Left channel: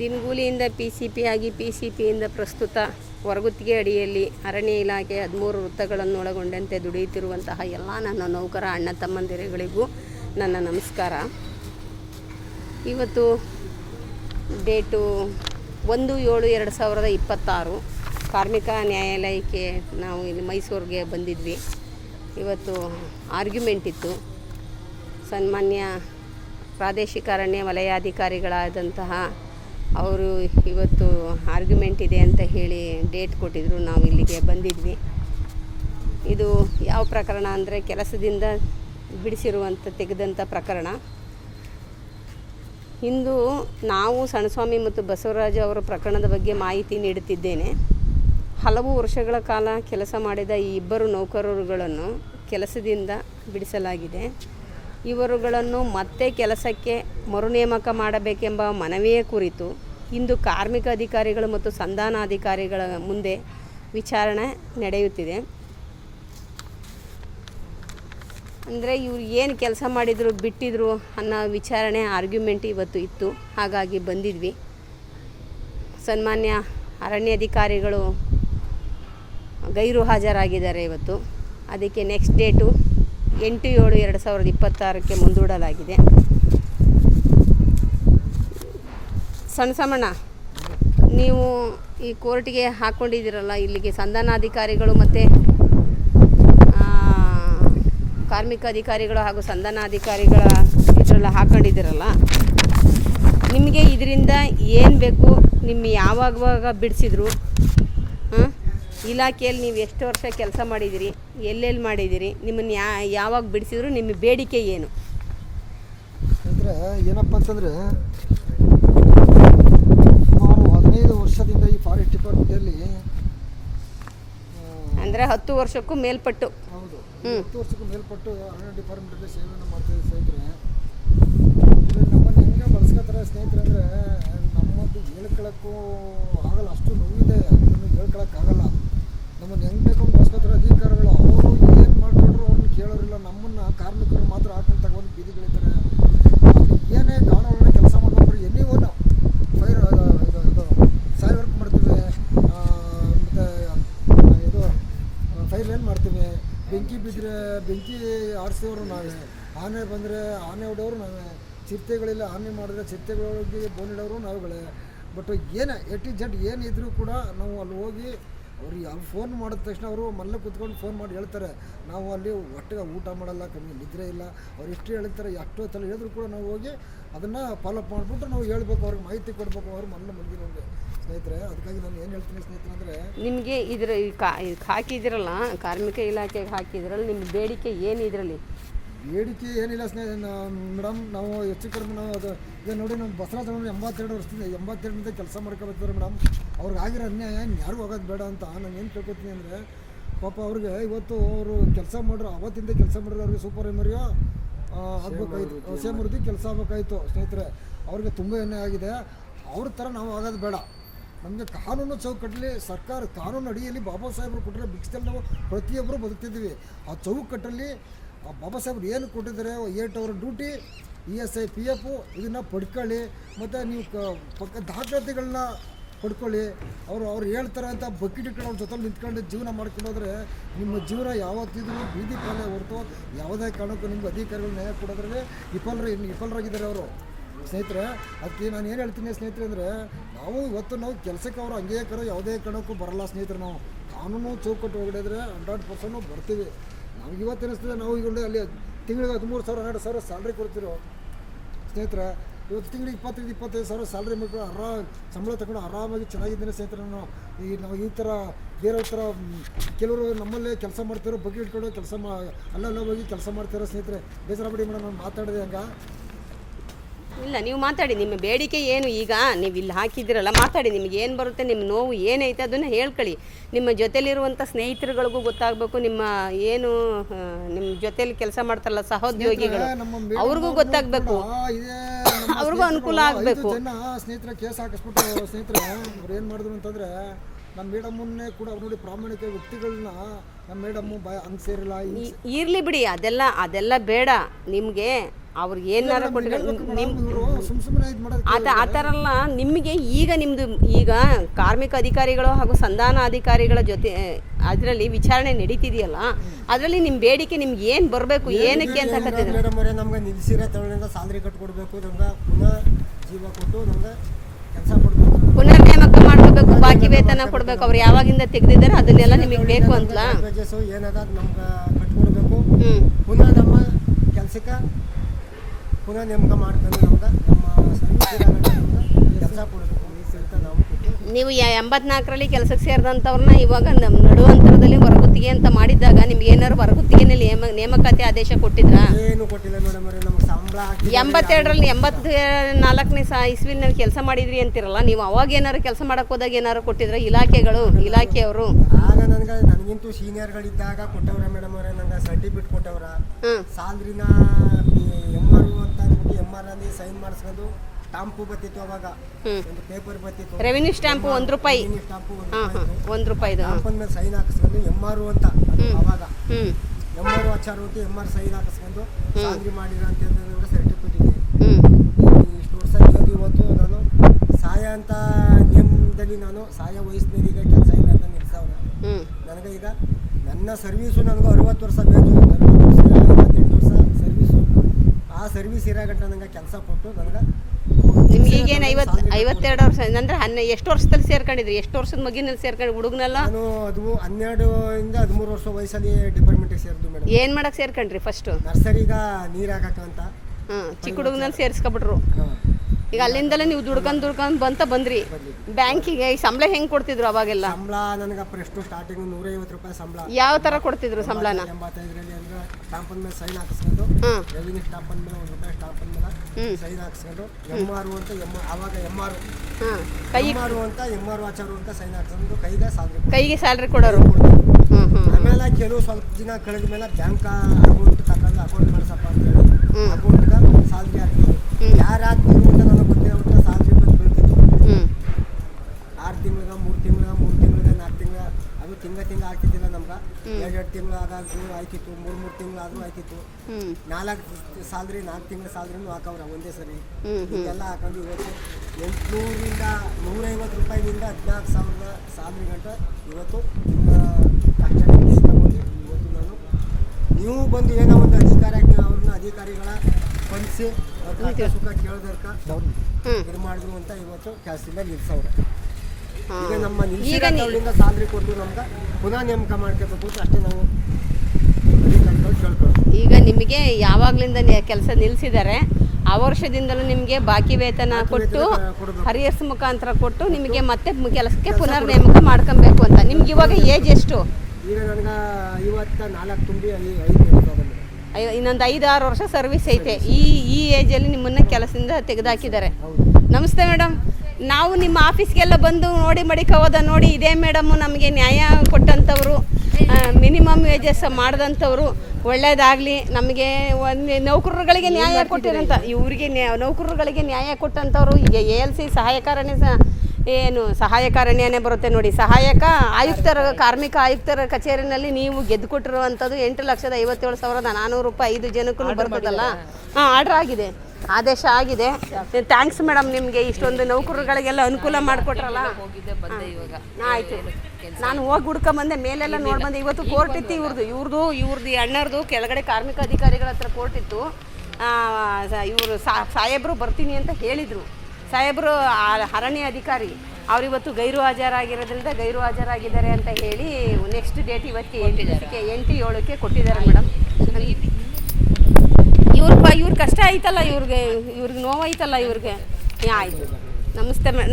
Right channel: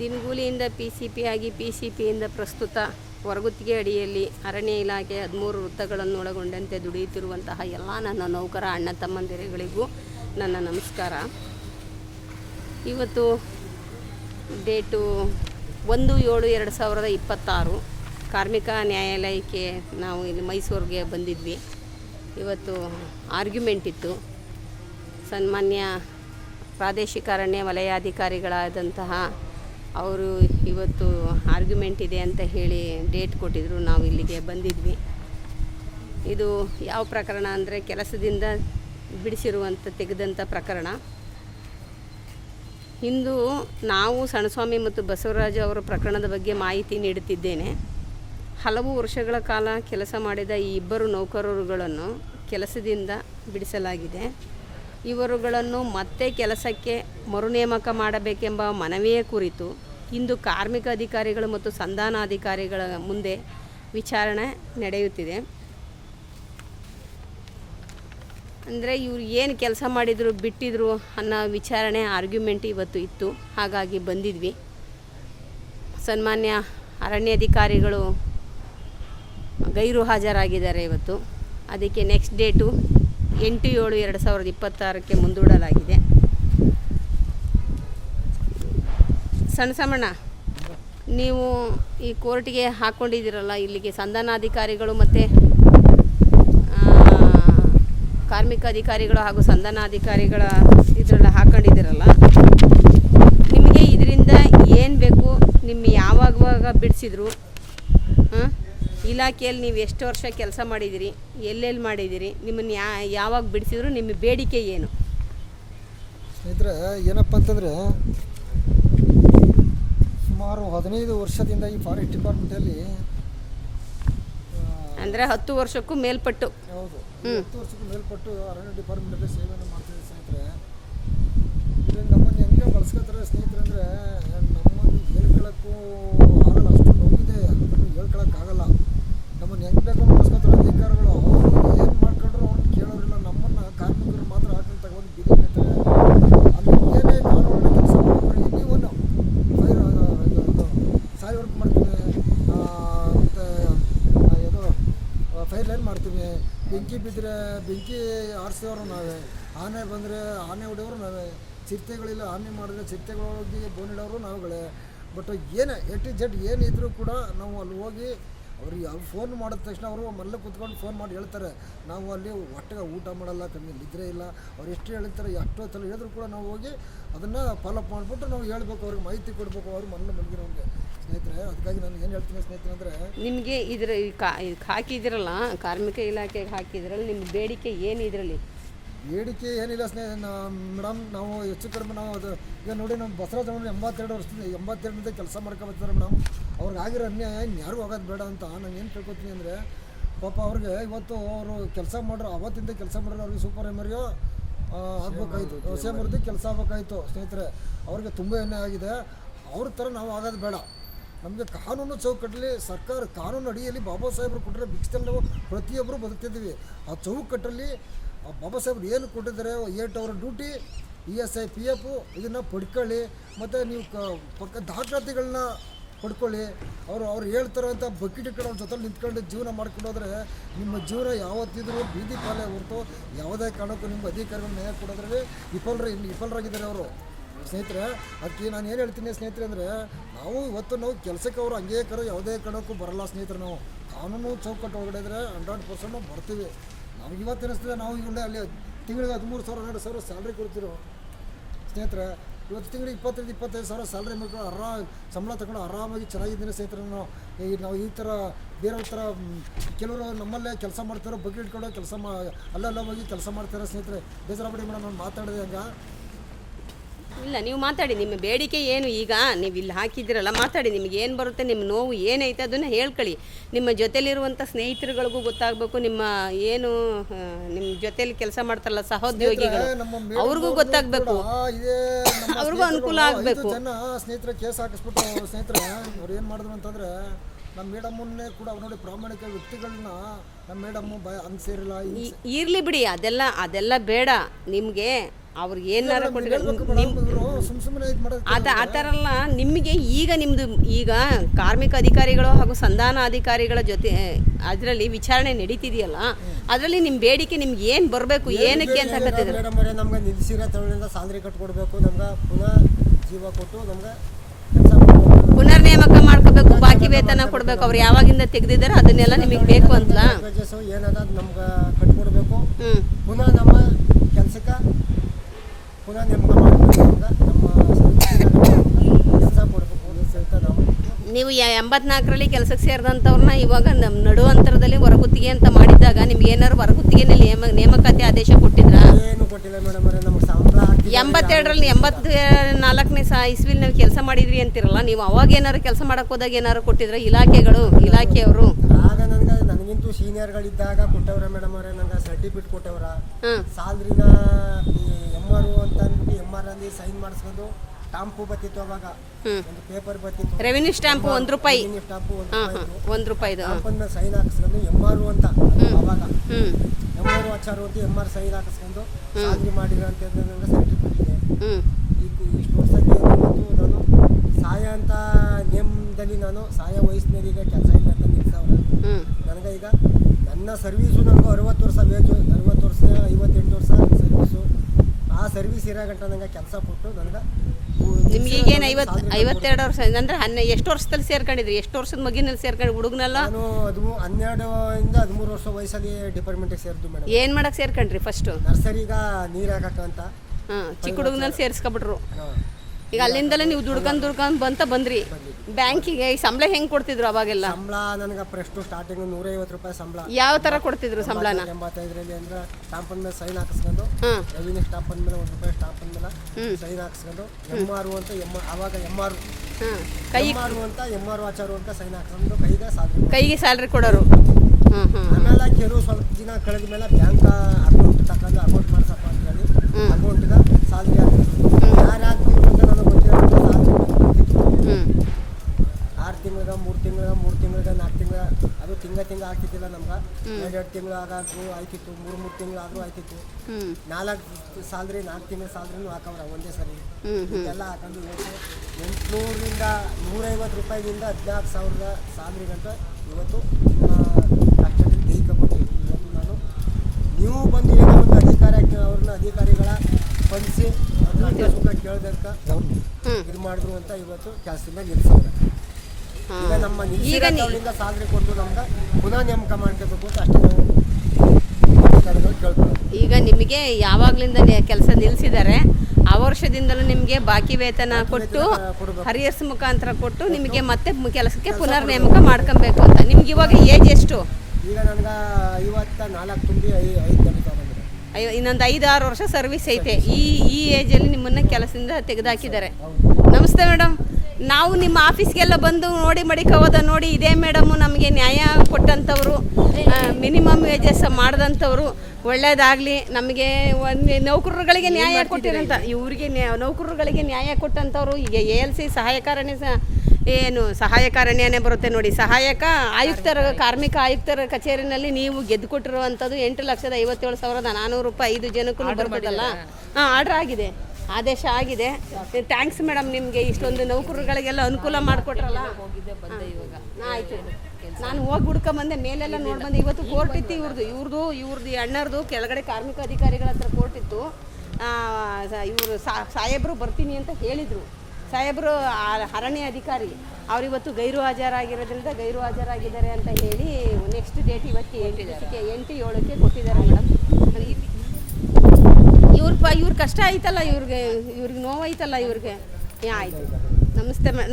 ದಿನಗೂಲಿಯಿಂದ PCP ಆಗಿ PCPಯಿಂದ ಪ್ರಸ್ತುತ ಹೊರಗುತ್ತಿಗೆ ಅಡಿಯಲ್ಲಿ ಅರಣ್ಯ ಇಲಾಖೆ 13 ವೃತ್ತಗಳನ್ನು ಒಳಗೊಂಡಂತೆ ದುಡಿಯುತ್ತಿರುವಂತಹ ಎಲ್ಲ ನನ್ನ ನೌಕರ ಅಣ್ಣ ತಮ್ಮಂದಿರುಗಳಿಗೂ ನನ್ನ ನಮಸ್ಕಾರ. ಇವತ್ತು ಡೇಟು 1/7/2026 ಕಾರ್ಮಿಕ ನ್ಯಾಯಾಲಯಕ್ಕೆ ನಾವು ಇಲ್ಲಿ ಮೈಸೂರಿಗೆ ಬಂದಿದ್ವಿ. ಇವತ್ತು ಆರ್ಗ್ಯುಮೆಂಟ್ ಇತ್ತು. ಸನ್ಮಾನ್ಯ ಪ್ರಾದೇಶಿಕ ಅರಣ್ಯ ವಲಯಾಧಿಕಾರಿಗಳಾದಂತಹ ಅವರು ಇವತ್ತು ಆರ್ಗ್ಯುಮೆಂಟ್ ಇದೆ ಅಂತ ಹೇಳಿ ಡೇಟ್ ಕೊಟ್ಟಿದ್ದರು. ನಾವು ಇಲ್ಲಿಗೆ ಬಂದಿದ್ವಿ. ಇದು ಯಾವ ಪ್ರಕರಣ ಅಂದರೆ ಕೆಲಸದಿಂದ ತೆಗೆದಂಥ ಪ್ರಕರಣ. ಇಂದು ನಾವು ಸಣ್ಣಸ್ವಾಮಿ ಮತ್ತು ಬಸವರಾಜು ಅವರ ಪ್ರಕರಣದ ಬಗ್ಗೆ ಮಾಹಿತಿ ನೀಡುತ್ತಿದ್ದೇನೆ. ಹಲವು ವರ್ಷಗಳ ಕಾಲ ಕೆಲಸ ಮಾಡಿದ ಈ ಇಬ್ಬರು ನೌಕರರುಗಳನ್ನು ಕೆಲಸದಿಂದ ಬಿಡಿಸಲಾಗಿದೆ. ಇವರುಗಳನ್ನು ಮತ್ತೆ ಕೆಲಸಕ್ಕೆ ಮರುನೇಮಕ ಮಾಡಬೇಕೆಂಬ ಮನವಿಯ ಕುರಿತು ಇಂದು ಕಾರ್ಮಿಕ ಅಧಿಕಾರಿಗಳು ಮತ್ತು ಸಂಧಾನಾಧಿಕಾರಿಗಳ ಮುಂದೆ ವಿಚಾರಣೆ ನಡೆಯುತ್ತಿದೆ. ಅಂದರೆ ಇವರು ಏನು ಕೆಲಸ ಮಾಡಿದರು ಬಿಟ್ಟಿದ್ರು ಅನ್ನೋ ವಿಚಾರಣೆ ಆರ್ಗ್ಯುಮೆಂಟ್ ಇವತ್ತು ಇತ್ತು. ಹಾಗಾಗಿ ಬಂದಿದ್ವಿ. ಸನ್ಮಾನ್ಯ ಅರಣ್ಯಾಧಿಕಾರಿಗಳು ಗೈರು ಹಾಜರಾಗಿದ್ದಾರೆ ಇವತ್ತು. ಅದಕ್ಕೆ ನೆಕ್ಸ್ಟ್ ಡೇಟು 8/7/2026 ಮುಂದೂಡಲಾಗಿದೆ. ಸಣ್ಣಣ್ಣ, ನೀವು ಈ ಕೋರ್ಟಿಗೆ ಹಾಕ್ಕೊಂಡಿದ್ದೀರಲ್ಲ, ಇಲ್ಲಿಗೆ ಸಂಧಾನಾಧಿಕಾರಿಗಳು ಮತ್ತು ಕಾರ್ಮಿಕ ಅಧಿಕಾರಿಗಳು ಹಾಗೂ ಸಂಧಾನಾಧಿಕಾರಿಗಳ ಇದರೆಲ್ಲ ಹಾಕ್ಕೊಂಡಿದ್ದೀರಲ್ಲ, ನಿಮಗೆ ಇದರಿಂದ ಏನು ಬೇಕು? ನಿಮ್ಮ ಯಾವಾಗ ಬಿಡಿಸಿದ್ರು? ಇಲಾಖೆಯಲ್ಲಿ ನೀವು ಎಷ್ಟು ವರ್ಷ ಕೆಲಸ ಮಾಡಿದ್ದೀರಿ? ಎಲ್ಲೆಲ್ಲಿ ಮಾಡಿದ್ದೀರಿ? ನಿಮ್ಮನ್ನು ಯಾವಾಗ ಬಿಡಿಸಿದ್ರು? ನಿಮ್ಮ ಬೇಡಿಕೆ ಏನು? ಸ್ನೇಹಿತರೆ, ಏನಪ್ಪ ಅಂತಂದರೆ ಸುಮಾರು 15 ವರ್ಷದಿಂದ ಈ ಫಾರೆಸ್ಟ್ ಡಿಪಾರ್ಟ್ಮೆಂಟಲ್ಲಿ ಅಂದರೆ 10 ವರ್ಷಕ್ಕೂ ಮೇಲ್ಪಟ್ಟು. ಹೌದು, 10 ವರ್ಷಕ್ಕೂ ಮೇಲ್ಪಟ್ಟು ಅರಣ್ಯ ಡಿಪಾರ್ಟ್ಮೆಂಟಲ್ಲಿ ಸೇವೆಯನ್ನು ಮಾಡ್ತಿದ್ದೀವಿ ಸ್ನೇಹಿತರೆ. ನಮ್ಮನ್ನು ಹೆಂಗೆ ಬಳಸ್ಕೊತಾರೆ ಸ್ನೇಹಿತರೆ ಅಂದರೆ, ನಮ್ಮದು ಹೇಳ್ಕೊಳ್ಳೋಕ್ಕೂ ಆಗಲ್ಲ, ಅಷ್ಟು ನೋವಿದೆ, ಅದನ್ನು ಹೇಳ್ಕೊಳ್ಳೋಕ್ಕಾಗಲ್ಲ. ನಮ್ಮನ್ನು ಹೆಂಗೆ ಬೇಕು ಬಳಸ್ಕೊತಾರೆ ಅಧಿಕಾರಿಗಳು. ಅವರು ಏನು ಮಾಡಿಕೊಂಡ್ರು ಅವ್ರನ್ನ ಕೇಳೋರಿಲ್ಲ. ನಮ್ಮನ್ನು ಕಾರ್ಮಿಕರು ಮಾತ್ರ ಹಾಕೊಂಡು ತಗೊಂಡು ಬೀದಿ ಹೇಳ್ತಾರೆ. ಏನೇ ಕಾನೂನನ್ನು ಕೆಲಸ ಮಾಡ್ತಾರೆ, ಎಲ್ಲಿವೂ ನಾವು ಸಾರಿ ವರ್ಕ್ ಮಾಡ್ತೀವಿ, ಮತ್ತು ಇದು ಫೈರ್ ಲೈನ್ ಮಾಡ್ತೀವಿ. ಬೆಂಕಿ ಬಿದ್ದರೆ ಬೆಂಕಿ ಆರಿಸೋರು ನಾವೇ, ಆನೆ ಬಂದರೆ ಆನೆ ಹೊಡೆಯೋರು ನಾವೇ, ಚಿರತೆಗಳಿಲ್ಲ ಆನೆ ಮಾಡಿದ್ರೆ ಚಿರತೆಗಳಿಗೆ ಬೋನಿಡೋರು ನಾವುಗಳೇ. ಬಟ್ ಏನು A to Z ಏನಿದ್ರೂ ಕೂಡ ನಾವು ಅಲ್ಲಿ ಹೋಗಿ ಅವ್ರಿಗೆ ಯಾವ ಫೋನ್ ಮಾಡಿದ ತಕ್ಷಣ ಅವರು ಮಲ್ಲ ಕೂತ್ಕೊಂಡು ಫೋನ್ ಮಾಡಿ ಹೇಳ್ತಾರೆ. ನಾವು ಅಲ್ಲಿ ಒಟ್ಟಿಗೆ ಊಟ ಮಾಡಲ್ಲ, ಕಮ್ಮಿ ನಿದ್ರೆ ಇಲ್ಲ. ಅವ್ರು ಎಷ್ಟು ಹೇಳ್ತಾರೆ, ಎಷ್ಟೊತ್ತಲ್ಲ ಹೇಳಿದ್ರು ಕೂಡ ನಾವು ಹೋಗಿ ಅದನ್ನು ಫಾಲೋಅಪ್ ಮಾಡಿಬಿಟ್ಟು ನಾವು ಹೇಳಬೇಕು, ಅವ್ರಿಗೆ ಮಾಹಿತಿ ಕೊಡಬೇಕು. ಅವ್ರು ಮಲ್ಲ ಮಲಗಿರೋಂಗೆ ಸ್ನೇಹಿತರೆ. ಅದಕ್ಕಾಗಿ ನಾನು ಏನು ಹೇಳ್ತೀನಿ ಸ್ನೇಹಿತರೆ ಅಂದರೆ, ನಿಮಗೆ ಹಾಕಿದಿರಲ್ಲ, ಕಾರ್ಮಿಕ ಇಲಾಖೆಗೆ ಹಾಕಿದ್ರಲ್ಲ, ನಿಮ್ಮ ಬೇಡಿಕೆ ಏನು? ಇದರಲ್ಲಿ ಬೇಡಿಕೆ ಏನಿಲ್ಲ ಮೇಡಮ್. ನಾವು ಹೆಚ್ಚು ಕಡಿಮೆ ನಾವು ಅದು ಈಗ ನೋಡಿ, ನಮ್ಮ ಬಸವರಾಜ್ ಅವರು 82 ಕೆಲಸ ಮಾಡ್ಕೊಬರ್ತಾರೆ ಮೇಡಮ್. ಅವ್ರಿಗೆ ಆಗಿರೋ ಅನ್ಯಾಯ ಯಾರಿಗೂ ಆಗೋದು ಬೇಡ ಅಂತ ನಾನು ಏನು ಕೇಳ್ಕೊತೀನಿ ಅಂದರೆ, ಪಾಪ ಅವ್ರಿಗೆ ಇವತ್ತು ಅವರು ಕೆಲಸ ಮಾಡ್ರು, ಅವತ್ತಿಂದ ಕೆಲಸ ಮಾಡಿದ್ರೆ ಅವ್ರಿಗೆ ಸೂಪರ್ ಎಮರಿಯೋ ಆಗಬೇಕಾಯ್ತು, ಹೊಸ ಕೆಲಸ ಆಗಬೇಕಾಯ್ತು ಸ್ನೇಹಿತರೆ. ಅವ್ರಿಗೆ ತುಂಬ ಅನ್ಯಾಯ ಆಗಿದೆ. ಅವ್ರ ಥರ ನಾವು ಆಗೋದು ಬೇಡ. ನಮಗೆ ಕಾನೂನು ಚೌಕಟ್ಟಲ್ಲಿ, ಸರ್ಕಾರ ಕಾನೂನು ಅಡಿಯಲ್ಲಿ ಬಾಬಾ ಸಾಹೇಬರು ಕೊಟ್ಟರೆ ಬಿಕ್ಸ್ದಲ್ಲಿ ನಾವು ಪ್ರತಿಯೊಬ್ಬರು ಬದುಕ್ತಿದ್ದೀವಿ. ಆ ಚೌಕಟ್ಟಲ್ಲಿ ಬಾಬಾ ಸಾಹೇಬ್ರು ಏನು ಕೊಟ್ಟಿದ್ದಾರೆ, 8 ಅವರ್ ಡ್ಯೂಟಿ, ESI PF ಇದನ್ನು ಪಡ್ಕೊಳ್ಳಿ. ಮತ್ತು ನೀವು ಪಕ್ಕ ದಾಖಲಾತಿಗಳನ್ನ ಪಡ್ಕೊಳ್ಳಿ. ಅವ್ರು ಹೇಳ್ತಾರೆ ಅಂತ ಬಕೆಟ್ ಇಟ್ಕೊಂಡು ಅವ್ರ ಜೊತೆ ನಿಂತ್ಕೊಂಡು ಜೀವನ ಮಾಡ್ಕೊಂಡು ಹೋದರೆ ನಿಮ್ಮ ಜೀವನ ಯಾವತ್ತಿದ್ರೂ ಬೀದಿ ಪಾಲೆ ಹೊರತು ಯಾವುದೇ ಕಾರಣಕ್ಕೂ ನಿಮ್ಮ ಅಧಿಕಾರಿಗಳು ನ್ಯಾಯ ಕೊಡೋದ್ರಲ್ಲಿ ವಿಫಲರಾಗಿದ್ದಾರೆ ಅವರು ಸ್ನೇಹಿತರೆ. ಅದಕ್ಕೆ ನಾನು ಏನು ಹೇಳ್ತೀನಿ ಸ್ನೇಹಿತರೆ ಅಂದರೆ, ನಾವು ಇವತ್ತು ಕೆಲಸಕ್ಕೆ ಅವರು ಅಂಗೀಕಾರ ಯಾವುದೇ ಕಾರಣಕ್ಕೂ ಬರಲ್ಲ ಸ್ನೇಹಿತರೆ. ನಾವು ಕಾನೂನು ಚೌಕಟ್ಟು ಒಳಗಡೆ ಇದ್ದರೆ 100% ಬರ್ತೀವಿ. ನಮ್ಗೆ ಇವತ್ತು ಅನ್ನಿಸ್ತದೆ, ನಾವು ಈಗ ಅಲ್ಲಿ ತಿಂಗಳಿಗೆ 13,000 12,000 ಸ್ಯಾಲ್ರಿ ಕೊಡ್ತಿರೋ ಸ್ನೇಹಿತರೆ. ಇವತ್ತು ತಿಂಗಳಿಗೆ 20-25,000 ಸ್ಯಾಲ್ರಿ ಮಾಡ್ಕೊಂಡು ಸಂಬಳ ತಗೊಂಡು ಆರಾಮಾಗಿ ಚೆನ್ನಾಗಿದ್ದೀನಿ ಸ್ನೇಹಿತರೆ. ನಾವು ಈ ಥರ ಬೇರೆಯವ್ರ ಥರ ಕೆಲವರು ನಮ್ಮಲ್ಲೇ ಕೆಲಸ ಮಾಡ್ತಾರೋ, ಬಕೆಟ್ ಇಟ್ಕೊಂಡು ಕೆಲಸ ಅಲ್ಲೆಲ್ಲ ಹೋಗಿ ಕೆಲಸ ಮಾಡ್ತಾರೋ ಸ್ನೇಹಿತರೆ. ಬೇಸರ ಪಡಿ ಮೇಡಮ್, ನಾನು ಮಾತಾಡಿದೆ ಹಂಗೆ ಇಲ್ಲ. ನೀವು ಮಾತಾಡಿ, ನಿಮ್ಮ ಬೇಡಿಕೆ ಏನು? ಈಗ ನೀವು ಇಲ್ಲಿ ಹಾಕಿದ್ದೀರಲ್ಲ, ಮಾತಾಡಿ. ನಿಮ್ಗೆ ಏನು ಬರುತ್ತೆ, ನಿಮ್ಮ ನೋವು ಏನೈತೆ ಅದನ್ನು ಹೇಳ್ಕೊಳ್ಳಿ. ನಿಮ್ಮ ಜೊತೆಲಿರುವಂಥ ಸ್ನೇಹಿತರುಗಳಿಗೂ ಗೊತ್ತಾಗಬೇಕು, ನಿಮ್ಮ ಏನು ನಿಮ್ಮ ಜೊತೆಲಿ ಕೆಲಸ ಮಾಡ್ತಾರಲ್ಲ ಸಹೋದ್ಯೋಗಿಗಳು, ಅವ್ರಿಗೂ ಗೊತ್ತಾಗಬೇಕು, ಅವ್ರಿಗೂ ಅನುಕೂಲ ಆಗಬೇಕು. ಸ್ನೇಹಿತರೆ ಕೇಸ್ ಹಾಕಿಸ್ಬಿಟ್ಟು ಸ್ನೇಹಿತರೆ ಅವ್ರು ಏನು ಮಾಡಿದ್ರು ಅಂತಂದರೆ, ನಮ್ಮ ಮೇಡಮ್ಮನ್ನೇ ಕೂಡ ನೋಡಿ ಪ್ರಾಮಾಣಿಕ ವ್ಯಕ್ತಿಗಳನ್ನ ನಮ್ಮ ಮೇಡಮ್ಮು ಹಂಗೆ ಸೇರಿಲ್ಲ. ಇರಲಿ ಬಿಡಿ, ಅದೆಲ್ಲ ಬೇಡ. ನಿಮಗೆ ಅವ್ರಿಗೆ ಏನಾರ ಕೊಟ್ಟಿದ್ರೆ ಸುಮ್ ಸುಮ್ಮನೆ ಇದು ಮಾಡೋದು ಆ ಥರ ಅಲ್ಲ. ನಿಮಗೆ ಈಗ ನಿಮ್ಮದು ಈಗ ಕಾರ್ಮಿಕ ಅಧಿಕಾರಿಗಳು ಹಾಗೂ ಸಂಧಾನ ಅಧಿಕಾರಿಗಳ ಜೊತೆ ಅದರಲ್ಲಿ ವಿಚಾರಣೆ ನಡೀತಿದೆಯಲ್ಲ, ಅದರಲ್ಲಿ ನಿಮ್ಮ ಬೇಡಿಕೆ ನಿಮ್ಗೆ ಏನು ಬರಬೇಕು, ಏನಕ್ಕೆ ಅಂತ ಕತ್ತಿದ್ರು? ಮೇಡಮ್ ಅವರೇ, ನಮ್ಗೆ ನಿಲ್ಸಿರೋ ತವಳಿಂದ ಸ್ಯಾಲ್ರಿ ಕಟ್ಕೊಡ್ಬೇಕು, ನಮ್ಗೆ ಪುನಃ ಜೀವ ಕೊಟ್ಟು ನಮ್ಗೆ ಕೆಲಸ ಮಾಡಬೇಕು, ಪುನರ್ ನೇಮಕ ಮಾಡ್ಕೋಬೇಕು, ಬಾಕಿ ವೇತನ ಕೊಡಬೇಕು. ಅವ್ರು ಯಾವಾಗಿಂದ ತೆಗೆದಿದ್ದಾರೆ ಅದನ್ನೆಲ್ಲ ನಿಮಗೆ ಬೇಕು ಅಂತಲ್ಲ? ವಜಸ್ಸು ಏನದ ನಮ್ಗೆ ಕಟ್ಕೊಡ್ಬೇಕು, ಹ್ಞೂ ಪುನಃ ನಮ್ಮ ಕೆಲಸಕ್ಕೆ ಪುನಃ ನೇಮಕ ಮಾಡಬೇಕು, ನಮ್ಗೆ ನಮ್ಮ ಕೆಲಸ ಕೊಡಬೇಕು ಸಹಿತ ನಾವು. ನೀವು 84ರಲ್ಲಿ ಕೆಲಸಕ್ಕೆ ಸೇರಿದಂಥವ್ರನ್ನ ಇವಾಗ ನಮ್ಮ ನಡುವಂತರದಲ್ಲಿ ಹೊರಗುತ್ತಿಗೆ ಅಂತ ಮಾಡಿದ್ದಾಗ ನಿಮ್ಗೆ ಏನಾದ್ರು ಹೊರಗುತ್ತಿಗೆನಲ್ಲಿ ನೇಮಕಾತಿ ಆದೇಶ ಕೊಟ್ಟಿದ್ರಾ? ಏನು ಕೊಟ್ಟಿಲ್ಲ ಮೇಡಮ್ ಅವರೇ, ನಮ್ಗೆ ಸಂಬಳ 82ರಲ್ಲಿ 84ನೇ ಇಸ್ವಿನಲ್ಲಿ ಕೆಲಸ ಮಾಡಿದ್ರಿ ಅಂತಿರಲ್ಲ, ನೀವು ಅವಾಗ ಏನಾರು ಕೆಲಸ ಮಾಡಕ್ಕೆ ಹೋದಾಗ ಏನಾರು ಕೊಟ್ಟಿದ್ರ ಇಲಾಖೆಯವರು? ಆಗ ನನಗಿಂತೂ ಸೀನಿಯರ್ಗಳಿದ್ದಾಗ ಕೊಟ್ಟವ್ರ ಮೇಡಮ್ ಅವರೇ, ನಂಗೆ ಸರ್ಟಿಫಿಕೇಟ್ ಕೊಟ್ಟವ್ರ, ಸ್ಯಾಲ್ರಿನ MRO ಅಂತ ಅಂದ್ಬಿಟ್ಟು MR ಅಲ್ಲಿ ಸೈನ್ ಮಾಡಿಸ್ಕೊಂಡು ಸ್ಟಾಂಪು ಬತ್ತಿತ್ತು. ಅವಾಗ ಒಂದು ಪೇಪರ್ ಬತ್ತಿತ್ತು, ರೆವಿನ್ಯೂ ಸ್ಟ್ಯಾಂಪು ₹1. ರೆವಿನ್ಯೂ ಸ್ಟಾಂಪು ₹1 ಸ್ಟಾಂಪನ್ನ ಸೈನ್ ಹಾಕಿಸ್ಕೊಂಡು MRO ಅಂತ ಅವಾಗ MRO HR ಅಂತ MR ಸೈನ್ ಹಾಕಿಸ್ಕೊಂಡು ಸ್ಯಾಲ್ರಿ ಮಾಡಿರೋ ಅಂತ ನನಗೆ ಸರ್ಟಿಫಿಕೇಟ್ ಇದೆ. ಇಷ್ಟು ವರ್ಷ ಇವತ್ತು ನಾನು ಸಹಾಯ ಅಂತ ನೇಮದಲ್ಲಿ ನಾನು ಸಹಾಯ ವಯಸ್ಸಿನಲ್ಲಿ ಈಗ ಕೆಲಸ ಇಲ್ಲ ಅಂತ ನಿಲ್ಸವ್ರೆ. ನನಗೆ ಈಗ ನನ್ನ ಸರ್ವೀಸು ನನಗೆ 60 ವರ್ಷ ವೇಜು, 40 ವರ್ಷ 58 ವರ್ಷ ಸರ್ವೀಸು. ಆ ಸರ್ವೀಸ್ ಇರೋ ಗಂಟ ನನಗೆ ಕೆಲಸ ಕೊಟ್ಟು ನನಗೆ ನಿಮ್ಗೆ ಈಗೇನು 52 ವರ್ಷ ಅಂದರೆ ಎಷ್ಟು ವರ್ಷದಲ್ಲಿ ಸೇರ್ಕೊಂಡಿದ್ರಿ? ಎಷ್ಟು ವರ್ಷದ ಮಗಿನಲ್ಲಿ ಸೇರ್ಕೊಂಡು ಹುಡುಗನೆಲ್ಲ? ನಾನು 12ಇಂದ 13 ವರ್ಷ ವಯಸ್ಸಲ್ಲಿ ಡಿಪಾರ್ಟ್ಮೆಂಟಿಗೆ ಸೇರಿದ್ವಿ ಮೇಡಮ್. ಏನು ಮಾಡಕ್ಕೆ ಸೇರ್ಕೊಂಡ್ರಿ ಫಸ್ಟು? ನರ್ಸರಿಗ ನೀರು ಹಾಕಕ್ಕ ಅಂತ. ಚಿಕ್ಕ ಹುಡುಗನಲ್ಲಿ ಸೇರಿಸ್ಕೊಬಿಟ್ರು. ಈಗ ಅಲ್ಲಿಂದಲೇ ನೀವು ದುಡ್ಕೊಂಡು ಬಂದ್ರಿ ಬ್ಯಾಂಕಿಗೆ. ಈ ಸಂಬಳ ಹೆಂಗೆ ಕೊಡ್ತಿದ್ರು ಅವಾಗೆಲ್ಲ? ಸಂಬಳ ನನಗೆ ಫಸ್ಟು ಸ್ಟಾರ್ಟಿಂಗ್ ₹150 ಸಂಬಳ. ಯಾವ ಥರ ಕೊಡ್ತಿದ್ರು ಸಂಬಳನ? 85ರಲ್ಲಿ ಅಂದ್ರೆ ಸ್ಟಾಂಪನ್ ಮೇಲೆ ಸೈನ್ ಹಾಕಿಸ್ಕೊಂಡು, ರೆವಿನ್ಯೂ ಸ್ಟಾಂಪನ್ ಮೇಲೆ ₹1 ಸ್ಟಾಂಪನ್ ಮೇಲೆ ಸೈನ್ ಹಾಕಿಸ್ಕೊಂಡು MRO ಅಂತ ಅವಾಗ MRO ಅಂತ MRO ಆಚಾರು ಅಂತ ಸೈನ್ ಹಾಕಿಸ್ಕೊಂಡು ಕೈಗೆ ಸ್ಯಾಲ್ರಿ ಕೊಡೋರು. ಆಮೇಲೆ ಕೆಲವು ಸ್ವಲ್ಪ ದಿನ ಕಳೆದ ಮೇಲೆ ಬ್ಯಾಂಕ್ ಅಕೌಂಟ್ ತಗೊಂಡು ಅಕೌಂಟ್ ಮಾಡಿಸಪ್ಪ ಅಂತ ಹೇಳಿ ಅಕೌಂಟ್ಗೆ ಸ್ಯಾಲ್ರಿ ಹಾಕ್ತಿದ್ರು. ಯಾರು ಹಾಕ್ತಿದ್ರು ಅಂತ ನನಗೆ ಗೊತ್ತಿರೋ ಸ್ಯಾಲ್ರಿ ಬಂದ್ಬಿಡ್ತಿತ್ತು. 6 ತಿಂಗಳಿಗೆ 3 ತಿಂಗಳಿಗೆ 4 ತಿಂಗಳ ಅದು ತಿಂಗಳ ಆಗ್ತಿದ್ದಿಲ್ಲ ನಮ್ಗೆ. 2 ತಿಂಗಳು ಆಗಾದ್ರೂ ಆಯ್ತಿತ್ತು, 3 ತಿಂಗಳು ಆದರೂ ಆಯ್ತಿತ್ತು. 4 ಸ್ಯಾಲ್ರಿ 4 ತಿಂಗಳ ಸ್ಯಾಲ್ರಿನೂ ಹಾಕವ್ರ ಒಂದೇ ಸರಿ. ಇದೆಲ್ಲ ಹಾಕೊಂಡು ಇವತ್ತು 800ರಿಂದ 150 ರೂಪಾಯಿಯಿಂದ 14,000 ಸ್ಯಾಲ್ರಿ ಗಂಟ ಇವತ್ತು ಇವತ್ತು ನಾನು ನೀವು ಬಂದು ಏನೋ ಒಂದು ಅಧಿಕಾರಿಗಳ ಸ್ಪಂದಿಸಿ ಸುಖ ಕೇಳೋದಕ್ಕೆ ಇದು ಮಾಡಿದ್ರು ಅಂತ ಇವತ್ತು ಕೆಲಸದಿಂದ ನಿಲ್ಸವ್ರೆ. ಈಗ ನಮ್ಮ ನಿಲ್ಸಿರೋದ್ರಿಂದ ಸ್ಯಾಲ್ರಿ ಕೊಟ್ಟು ನಮ್ಗೆ ಪುನಃ ನೇಮಕ ಮಾಡ್ಕೋಬೇಕು ಅಂತ ಅಷ್ಟೇ ನಾವು ಅಧಿಕಾರಿಗಳು ಕೇಳ್ಕೊಳ್ಳೋದು. ಈಗ ನಿಮಗೆ ಯಾವಾಗಲಿಂದ ಕೆಲಸ ನಿಲ್ಲಿಸಿದ್ದಾರೆ ಆ ವರ್ಷದಿಂದಲೂ ನಿಮಗೆ ಬಾಕಿ ವೇತನ ಕೊಟ್ಟು ಹರಿಯರ್ಸ್ ಮುಖಾಂತರ ಕೊಟ್ಟು ನಿಮಗೆ ಮತ್ತೆ ಕೆಲಸಕ್ಕೆ ಪುನರ್ ನೇಮಕ ಮಾಡ್ಕೊಬೇಕು ಅಂತ. ನಿಮ್ಗೆ ಇವಾಗ ಏಜ್ ಎಷ್ಟು? ಈಗ ನನಗೆ 54 ತುಂಬಿ 5 ಕೆಲಸ ಬಂದಿದೆ. ಇನ್ನೊಂದು 5-6 ವರ್ಷ ಸರ್ವಿಸ್ ಐತೆ. ಈ ಏಜಲ್ಲಿ ನಿಮ್ಮನ್ನು ಕೆಲಸದಿಂದ ತೆಗೆದುಹಾಕಿದ್ದಾರೆ. ನಮಸ್ತೆ ಮೇಡಮ್, ನಾವು ನಿಮ್ಮ ಆಫೀಸ್ಗೆಲ್ಲ ಬಂದು ಮಡಿಕವದ ನೋಡಿ ಇದೇ ಮೇಡಮ್ಮು ನಮಗೆ ನ್ಯಾಯ ಕೊಟ್ಟಂಥವ್ರು, ಮಿನಿಮಮ್ ವೇಜಸ್ ಮಾಡಿದಂಥವ್ರು, ಒಳ್ಳೇದಾಗಲಿ ನಮಗೆ ಒಂದು ನೌಕರರುಗಳಿಗೆ ನ್ಯಾಯ ಕೊಟ್ಟಿರಂತ ಇವರಿಗೆ ನೌಕರರುಗಳಿಗೆ ನ್ಯಾಯ ಕೊಟ್ಟಂಥವ್ರು. ಈಗ ALC ಸಹಾಯಕಾರಣ್ಯನೇ ಬರುತ್ತೆ ನೋಡಿ, ಸಹಾಯಕ ಆಯುಕ್ತರ ಕಾರ್ಮಿಕ ಆಯುಕ್ತರ ಕಚೇರಿನಲ್ಲಿ ನೀವು ಗೆದ್ದು ಕೊಟ್ಟಿರುವಂಥದ್ದು 8,57,400 ರೂಪಾಯಿ 5 ಜನಕ್ಕೂ ಬರ್ತದಲ್ಲ. ಆರ್ಡ್ರ್ ಆಗಿದೆ, ಆದೇಶ ಆಗಿದೆ. ಥ್ಯಾಂಕ್ಸ್ ಮೇಡಮ್, ನಿಮಗೆ ಇಷ್ಟೊಂದು ನೌಕರರುಗಳಿಗೆಲ್ಲ ಅನುಕೂಲ ಮಾಡಿಕೊಟ್ರಲ್ಲ. ಆಯಿತು, ನಾನು ಹೋಗಿ ಹುಡ್ಕೊಂಬಂದೆ, ಮೇಲೆಲ್ಲ ನೋಡ್ಬಂದೆ. ಇವತ್ತು ಕೋರ್ಟ್ ಇತ್ತು ಇವ್ರದ್ದು ಅಣ್ಣರದು ಕೆಳಗಡೆ ಕಾರ್ಮಿಕ ಅಧಿಕಾರಿಗಳ ಹತ್ರ ಕೋರ್ಟ್ ಇತ್ತು. ಇವರು ಸಾಹೇಬರು ಬರ್ತೀನಿ ಅಂತ ಹೇಳಿದರು. ಸಾಹೇಬರು ಅರಣ್ಯ ಅಧಿಕಾರಿ ಅವರಿವತ್ತು ಗೈರು ಹಾಜರಾಗಿದ್ದಾರೆ ಅಂತ ಹೇಳಿ ನೆಕ್ಸ್ಟ್ ಡೇಟ್ ಇವತ್ತು 8/7ಕ್ಕೆ ಕೊಟ್ಟಿದ್ದಾರೆ ಮೇಡಮ್. ಇವ್ರ ಕಷ್ಟ ಆಯ್ತಲ್ಲ, ಇವ್ರಿಗೆ ನೋವಾಯ್ತಲ್ಲ ಇವ್ರಿಗೆ. ಆಯಿತು,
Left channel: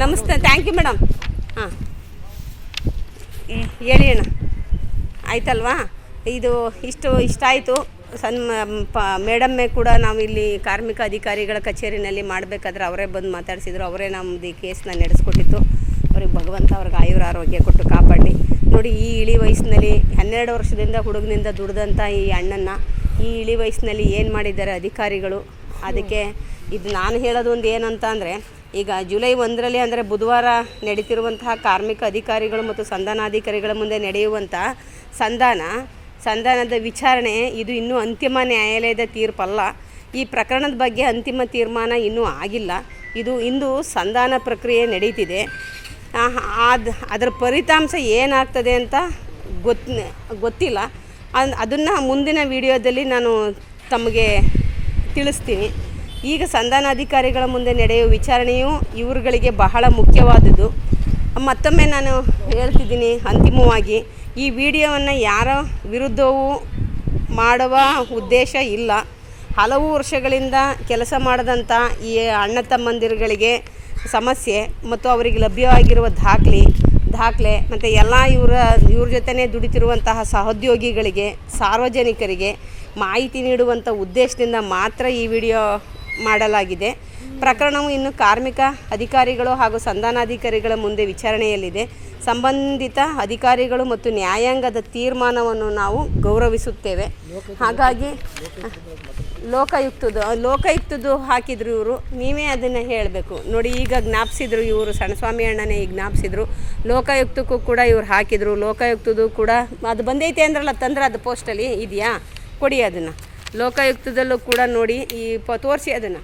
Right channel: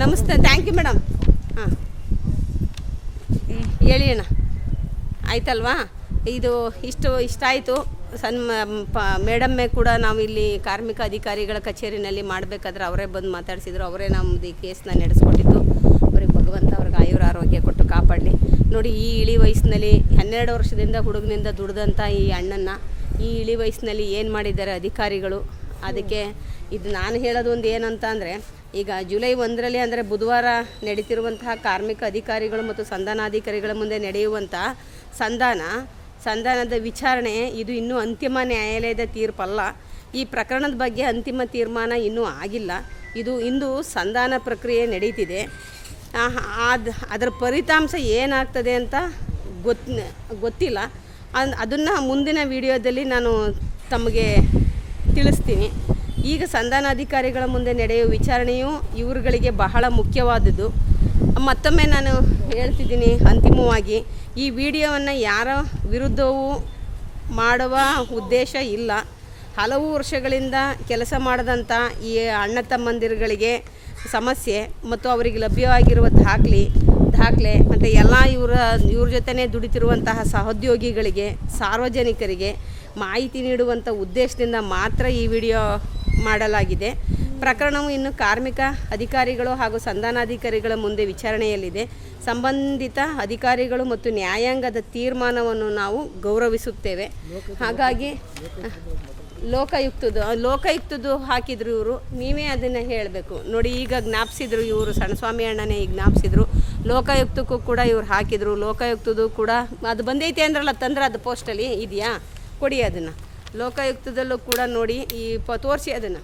ನಮಸ್ತೆ ಥ್ಯಾಂಕ್ ಯು ಮೇಡಮ್. ಹಾಂ ಹೇಳಿ ಅಣ್ಣ, ಆಯ್ತಲ್ವಾ? ಇಷ್ಟಾಯಿತು. ಮೇಡಮ್ಮೇ ಕೂಡ ನಾವು ಇಲ್ಲಿ ಕಾರ್ಮಿಕ ಅಧಿಕಾರಿಗಳ ಕಚೇರಿನಲ್ಲಿ ಮಾಡಬೇಕಾದ್ರೆ ಅವರೇ ಬಂದು ಮಾತಾಡಿಸಿದ್ರು. ಅವರೇ ನಮ್ಮದು ಈ ಕೇಸನ್ನ ನಡೆಸ್ಕೊಟ್ಟಿದ್ದು. ಅವ್ರಿಗೆ ಭಗವಂತ ಅವ್ರಿಗೆ ಆಯುರಾರೋಗ್ಯ ಕೊಟ್ಟು ಕಾಪಾಡಲಿ. ನೋಡಿ, ಈ ಇಳಿ ವಯಸ್ಸಿನಲ್ಲಿ 12 ವರ್ಷದಿಂದ ಹುಡುಗನಿಂದ ದುಡ್ದಂಥ ಈ ಅಣ್ಣನ್ನು ಈ ಇಳಿ ವಯಸ್ಸಿನಲ್ಲಿ ಏನು ಮಾಡಿದ್ದಾರೆ ಅಧಿಕಾರಿಗಳು. ಅದಕ್ಕೆ ಇದು ನಾನು ಹೇಳೋದು ಒಂದು ಏನಂತ ಅಂದರೆ, ಈಗ ಜುಲೈ 1ರಲ್ಲಿ ಅಂದರೆ ಬುಧವಾರ ನಡೀತಿರುವಂತಹ ಕಾರ್ಮಿಕ ಅಧಿಕಾರಿಗಳು ಮತ್ತು ಸಂಧಾನಾಧಿಕಾರಿಗಳ ಮುಂದೆ ನಡೆಯುವಂಥ ಸಂಧಾನದ ವಿಚಾರಣೆ ಇದು ಇನ್ನೂ ಅಂತಿಮ ನ್ಯಾಯಾಲಯದ ತೀರ್ಪಲ್ಲ. ಈ ಪ್ರಕರಣದ ಬಗ್ಗೆ ಅಂತಿಮ ತೀರ್ಮಾನ ಇನ್ನೂ ಆಗಿಲ್ಲ. ಇಂದು ಸಂಧಾನ ಪ್ರಕ್ರಿಯೆ ನಡೀತಿದೆ. ಅದರ ಫಲಿತಾಂಶ ಏನಾಗ್ತದೆ ಅಂತ ಗೊತ್ತಿಲ್ಲ. ಅದನ್ನು ಮುಂದಿನ ವಿಡಿಯೋದಲ್ಲಿ ನಾನು ತಮಗೆ ತಿಳಿಸ್ತೀನಿ. ಈಗ ಸಂಧಾನಾಧಿಕಾರಿಗಳ ಮುಂದೆ ನಡೆಯುವ ವಿಚಾರಣೆಯು ಇವರುಗಳಿಗೆ ಬಹಳ ಮುಖ್ಯವಾದುದು. ಮತ್ತೊಮ್ಮೆ ನಾನು ಹೇಳ್ತಿದ್ದೀನಿ, ಅಂತಿಮವಾಗಿ ಈ ವಿಡಿಯೋವನ್ನು ಯಾರ ವಿರುದ್ಧವೂ ಮಾಡುವ ಉದ್ದೇಶ ಇಲ್ಲ. ಹಲವು ವರ್ಷಗಳಿಂದ ಕೆಲಸ ಮಾಡಿದಂಥ ಈ ಅಣ್ಣ ತಮ್ಮಂದಿರುಗಳಿಗೆ ಸಮಸ್ಯೆ ಮತ್ತು ಅವರಿಗೆ ಲಭ್ಯವಾಗಿರುವ ದಾಖಲೆ ಮತ್ತು ಎಲ್ಲ ಇವ್ರ ಜೊತೆನೇ ದುಡಿತಿರುವಂತಹ ಸಹೋದ್ಯೋಗಿಗಳಿಗೆ, ಸಾರ್ವಜನಿಕರಿಗೆ ಮಾಹಿತಿ ನೀಡುವಂಥ ಉದ್ದೇಶದಿಂದ ಮಾತ್ರ ಈ ವಿಡಿಯೋ ಮಾಡಲಾಗಿದೆ. ಪ್ರಕರಣವು ಇನ್ನು ಕಾರ್ಮಿಕ ಅಧಿಕಾರಿಗಳು ಹಾಗೂ ಸಂಧಾನಾಧಿಕಾರಿಗಳ ಮುಂದೆ ವಿಚಾರಣೆಯಲ್ಲಿದೆ. ಸಂಬಂಧಿತ ಅಧಿಕಾರಿಗಳು ಮತ್ತು ನ್ಯಾಯಾಂಗದ ತೀರ್ಮಾನವನ್ನು ನಾವು ಗೌರವಿಸುತ್ತೇವೆ. ಹಾಗಾಗಿ ಲೋಕಾಯುಕ್ತದ್ದು ಹಾಕಿದ್ರು ಇವರು. ನೀವೇ ಅದನ್ನು ಹೇಳಬೇಕು ನೋಡಿ. ಈಗ ಜ್ಞಾಪಿಸಿದ್ರು ಇವರು, ಸಣ್ಣಸ್ವಾಮಿ ಅಣ್ಣನೇ ಈಗ ಜ್ಞಾಪಿಸಿದ್ರು. ಲೋಕಾಯುಕ್ತಕ್ಕೂ ಕೂಡ ಇವ್ರು ಹಾಕಿದರು. ಲೋಕಾಯುಕ್ತದ್ದು ಕೂಡ ಅದು ಬಂದೈತೆ ಅಂದ್ರಲ್ಲ, ತಂದ್ರೆ ಅದು ಪೋಸ್ಟಲ್ಲಿ ಇದೆಯಾ, ಕೊಡಿ ಅದನ್ನು. ಲೋಕಾಯುಕ್ತದಲ್ಲೂ ಕೂಡ ನೋಡಿ, ತೋರಿಸಿ ಅದನ್ನು.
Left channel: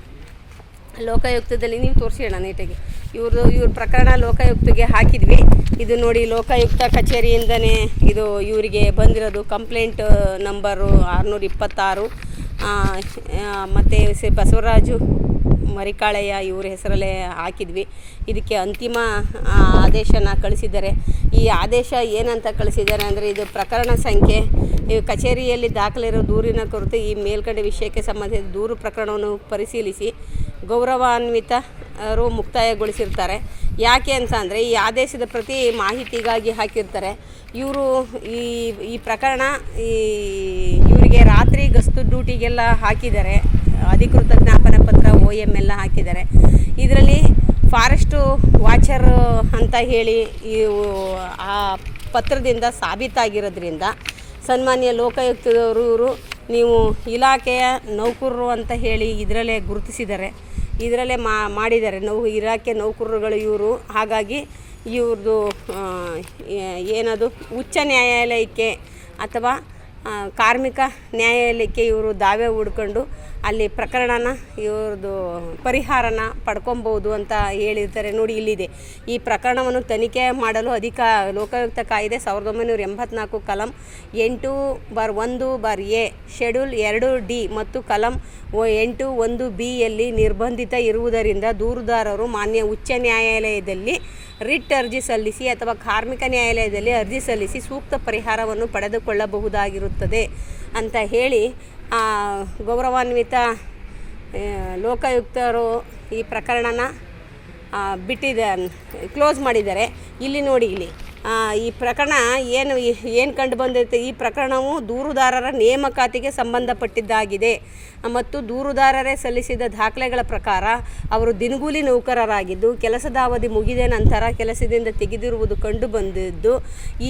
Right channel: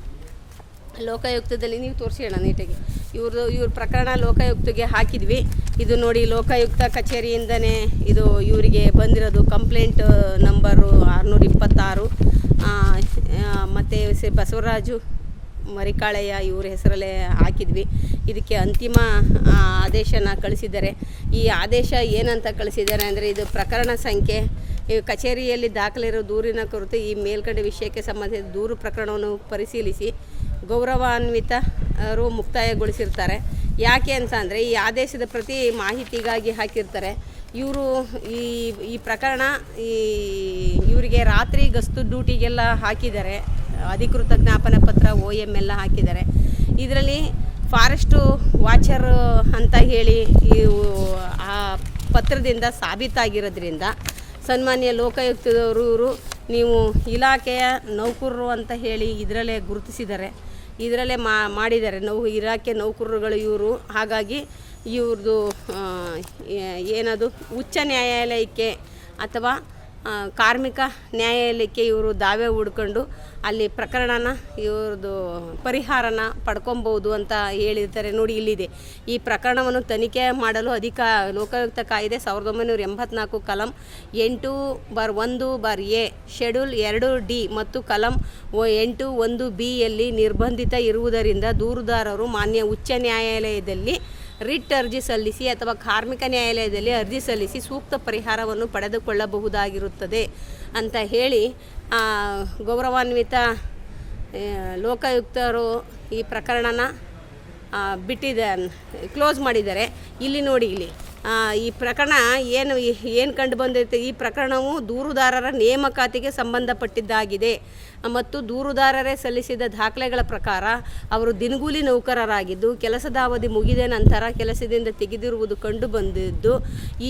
ಲೋಕಾಯುಕ್ತದಲ್ಲಿ ನೀವು ತೋರಿಸಿ ಅಣ್ಣ ನೀಟಾಗಿ. ಇವ್ರ ಪ್ರಕರಣ ಲೋಕಾಯುಕ್ತಗೆ ಹಾಕಿದ್ವಿ. ಇದು ನೋಡಿ, ಲೋಕಾಯುಕ್ತ ಕಚೇರಿಯಿಂದನೇ ಇದು ಇವರಿಗೆ ಬಂದಿರೋದು. ಕಂಪ್ಲೇಂಟ್ ನಂಬರು 626 ಮತ್ತು ಬಸವರಾಜು ಮರಿಕಾಳೆಯ ಇವ್ರ ಹೆಸರಲ್ಲೇ ಹಾಕಿದ್ವಿ. ಇದಕ್ಕೆ ಅಂತಿಮ ಆದೇಶನ ಕಳಿಸಿದ್ದಾರೆ. ಈ ಆದೇಶ ಏನಂತ ಕಳಿಸಿದ್ದಾರೆ ಅಂದರೆ, ಇದು ಪ್ರಕರಣ ಸಂಖ್ಯೆ, ಕಚೇರಿಯಲ್ಲಿ ದಾಖಲಿರೋ ದೂರಿನ ಕುರಿತು ಈ ಮೇಲ್ಕಂಡ ವಿಷಯಕ್ಕೆ ಸಂಬಂಧಿಸಿದ ದೂರು ಪ್ರಕರಣವನ್ನು ಪರಿಶೀಲಿಸಿ ಗೌರವಾನ್ವಿತರು ಮುಕ್ತಾಯಗೊಳಿಸಿರ್ತಾರೆ. ಯಾಕೆ ಅಂತ ಅಂದರೆ, ಈ ಆದೇಶದ ಪ್ರತಿ ಮಾಹಿತಿಗಾಗಿ ಹಾಕಿರ್ತಾರೆ. ಇವರು ಈ ಪ್ರಕರಣ ಇವರಿಗೆ ರಾತ್ರಿ ಗಸ್ತು ಡ್ಯೂಟಿಗೆಲ್ಲ ಹಾಕಿದ್ದಾರೆ. ಅಧಿಕೃತ ಜ್ಞಾಪನ ಪತ್ರ OM ಎಲ್ಲ ಹಾಕಿದ್ದಾರೆ. ಇದರಲ್ಲಿ ಫಾರೆಸ್ಟು ವಾಚರ್ ಅಂತ ಹೇಳಿ ಆ ಪತ್ರದಿಂದ ಸಾಬೀತಾಗಿರೋದ್ರಿಂದ ಸನ್ಮಾನ್ಯ ಲೋಕಾಯುಕ್ತದವರು ಇವರು ನೀವು ಇಲಾಖೆಯ ನೌಕರರು ಅಂತ ಹೇಳಿ ಇದರಲ್ಲೇ ಗುರುತಿಸಿದ್ದಾರೆ. ಇದರಲ್ಲೇ ಮಾಡಿದ್ದಾರೆ ಇಲಾಖೆ ನೌಕರರುಗಳು ಇವರು. ಹಾಗಾಗಿ ಇವ್ರದ್ದು ಏನದು ಉಚ್ಚ ನ್ಯಾಯಾಲಯಕ್ಕೆ ಅಥವಾ ಕಾರ್ಮಿಕ ನ್ಯಾಯಾಲಯಕ್ಕೆ ಇವರು ದಾವೆ ಹೂಡ್ಕೊಂಡು ಅಲ್ಲಿ ಪ್ರಕರಣನ ಇವ್ರದ್ದು ಪರಿಹಾರನ ಪಡ್ಕೊಬೋದು ಅಂತ ಹೇಳಿರ್ತಾರೆ. ನೋಡಿ, ಇಲ್ಲಿದೆ. ಈ ಪ್ರಕರಣವನ್ನು ತನಿಖೆ ಮಾಡಲು ಲೋಕಾಯುಕ್ತ ಕಾಯ್ದೆ 1984 ಕಲಂ 8/1/A ಶೆಡ್ಯೂಲ್ 2D ಮತ್ತು ಕಲಂ 8(1)B ಯಲ್ಲಿ ನಿರ್ಬಂಧಿತ ಇರುವುದರಿಂದ ದೂರುದಾರರು ಮಾನ್ಯ ಉಚ್ಚ ನ್ಯಾಯಾಲಯದಲ್ಲಿ ರಿಟ್ ಅರ್ಜಿ ಸಲ್ಲಿಸಿ ಅಥವಾ ಕಾರ್ಮಿಕ ನ್ಯಾಯಾಲಯದಲ್ಲಿ ಅರ್ಜಿ ಸಲ್ಲಿಸಿ ಸೂಕ್ತ ಪರಿಹಾರವನ್ನು ಪಡೆದುಕೊಳ್ಳಬಹುದಾಗಿರುತ್ತದೆ ಅಂತ ಹೇಳಿ ಗೌರವಾನ್ವಿತ ಲೋಕಾಯುಕ್ತರು ಈ ಪ್ರಕರಣನ ಕ್ಲೋಸ್ ಮಾಡಿದ್ದಾರೆ. ಇಲ್ಲಿ ನೋಡಿ, ಇಲ್ಲಿ ಈ ಪ್ರಕರಣ ಏನು ಕಂಡು ಬಂದೈತೆ, ಈ ಪ್ರಕರಣವು ದೂರುದಾರರ ನೇಮಕಾತಿಗೆ ಸಂಬಂಧಪಟ್ಟಿದ್ದಾಗಿದೆ ಮತ್ತು ದೂರುದಾರರೇ ಸಲ್ಲಿಸಿದ ದಾಖಲೆಗಳ ಪ್ರಕಾರ ಅವರು ದಿನಗೂಲಿ ನೌಕರರಾಗಿದ್ದು ಕೆಲಸದ ಅವಧಿ ಮುಗಿದ ನಂತರ ಕೆಲಸದಿಂದ ತೆಗೆದಿರುವುದು ಕಂಡು ಬಂದಿದ್ದು.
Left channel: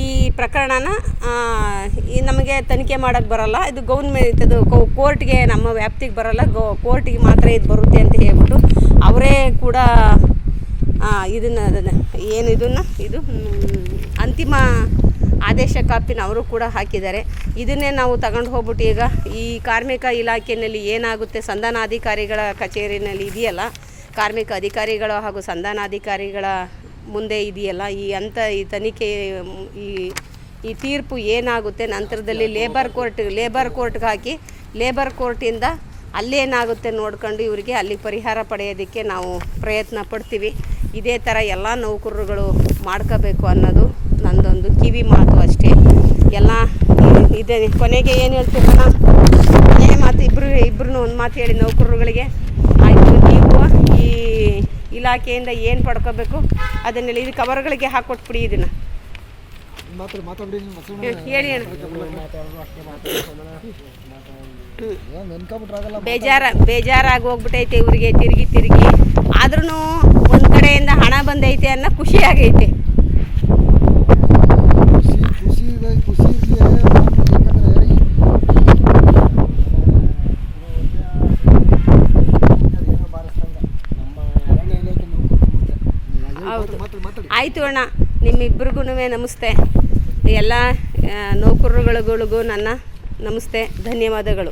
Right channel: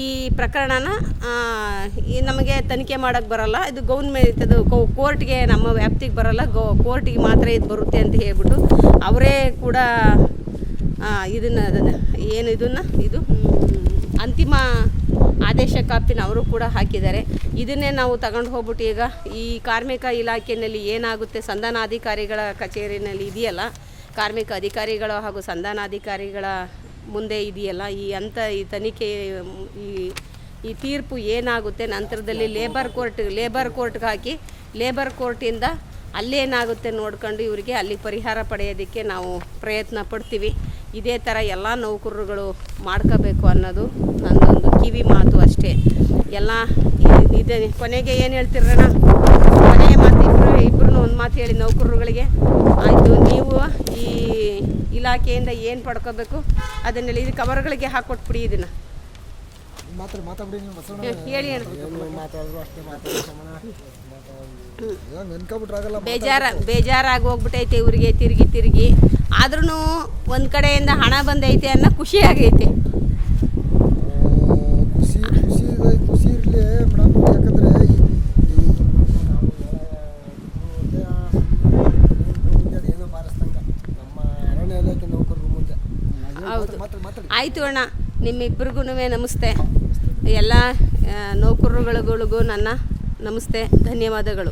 ಈ ಪ್ರಕರಣನ ನಮಗೆ ತನಿಖೆ ಮಾಡೋಕ್ಕೆ ಬರಲ್ಲ, ಇದು ಗೌರ್ಮೆಂಟ್, ಇದು ಕೋರ್ಟ್ಗೆ ನಮ್ಮ ವ್ಯಾಪ್ತಿಗೆ ಬರಲ್ಲ, ಕೋರ್ಟಿಗೆ ಮಾತ್ರ ಇದು ಬರುತ್ತೆ ಅಂತ ಹೇಳ್ಬಿಟ್ಟು ಅವರೇ ಕೂಡ ಇದು ಅಂತಿಮ ಆದೇಶ ಕಾಪಿನ ಅವರು ಕೂಡ ಹಾಕಿದ್ದಾರೆ. ಇದನ್ನೇ ನಾವು ತಗೊಂಡು ಹೋಗ್ಬಿಟ್ಟು ಈಗ ಈ ಕಾರ್ಮಿಕ ಇಲಾಖೆಯಲ್ಲಿ ಏನಾಗುತ್ತೆ, ಸಂಧಾನಾಧಿಕಾರಿಗಳ ಕಚೇರಿನಲ್ಲಿ ಇದೆಯಲ್ಲ, ಕಾರ್ಮಿಕ ಅಧಿಕಾರಿಗಳು ಹಾಗೂ ಸಂಧಾನಾಧಿಕಾರಿಗಳ ಮುಂದೆ ಇದೆಯಲ್ಲ, ಈ ತನಿಖೆ ಈ ತೀರ್ಪು ಏನಾಗುತ್ತೆ ನಂತರದಲ್ಲಿ ಲೇಬರ್ ಕೋರ್ಟ್ಗೆ ಹಾಕಿ ಲೇಬರ್ ಕೋರ್ಟಿಂದ ಅಲ್ಲೇನಾಗುತ್ತೆ ನೋಡ್ಕೊಂಡು ಇವರಿಗೆ ಅಲ್ಲಿ ಪರಿಹಾರ ಪಡೆಯೋದಕ್ಕೆ ನಾವು ಪ್ರಯತ್ನ ಪಡ್ತೀವಿ. ಇದೇ ಥರ ಎಲ್ಲ ನೌಕರರುಗಳು ಮಾಡ್ಕೋಬೇಕು ಅನ್ನೋದು ನನ್ನದೊಂದು ಕಿವಿ ಮಾತು ಅಷ್ಟೇ. ಎಲ್ಲ ಇದೆ. ಕೊನೆಗೆ ಏನು ಹೇಳ್ತಿರೋಣ, ಕೊನೆಯ ಮಾತು ಇಬ್ಬರು ಒಂದು ಮಾತು ಹೇಳಿ ನೌಕರರುಗಳಿಗೆ, ಆಯಿತು ನೀವು ಈ ಇಲಾಖೆಯಿಂದ ಏನು ಪಡ್ಕೋಬೇಕು ಅದನ್ನೆಲ್ಲ ಇದು ಕವರ್ಗಳಿಗೆ ಹಾಕ್ಕೊಟ್ಬಿಡಿ. ಇದನ್ನು ಹೇಳಿ ಬೇಜಾರಾಗಿ ಹೋಗ್ಬಿಟ್ಟೈತೆ ಇವರಿಗೆ ತಿರುಗಿ. ಆದ್ರೂ ಒಂದು ಕಡೆಯಿಂದ ಹಣ ಬಂದೈತೆ ಅನ್ನೋ ಖುಷಿ ಆಗೈತೆ. ಹೌದು, ಆಯಿತು ಅಣ್ಣ. ನಿಮ್ಮಿಬ್ಬರಿಗೂ ನಮಸ್ತೆ. ಎಲ್ಲ ನೌಕರರುಗಳಿಗೂ ನನ್ನ ನಮಸ್ತೆ, ಧನ್ಯವಾದಗಳು.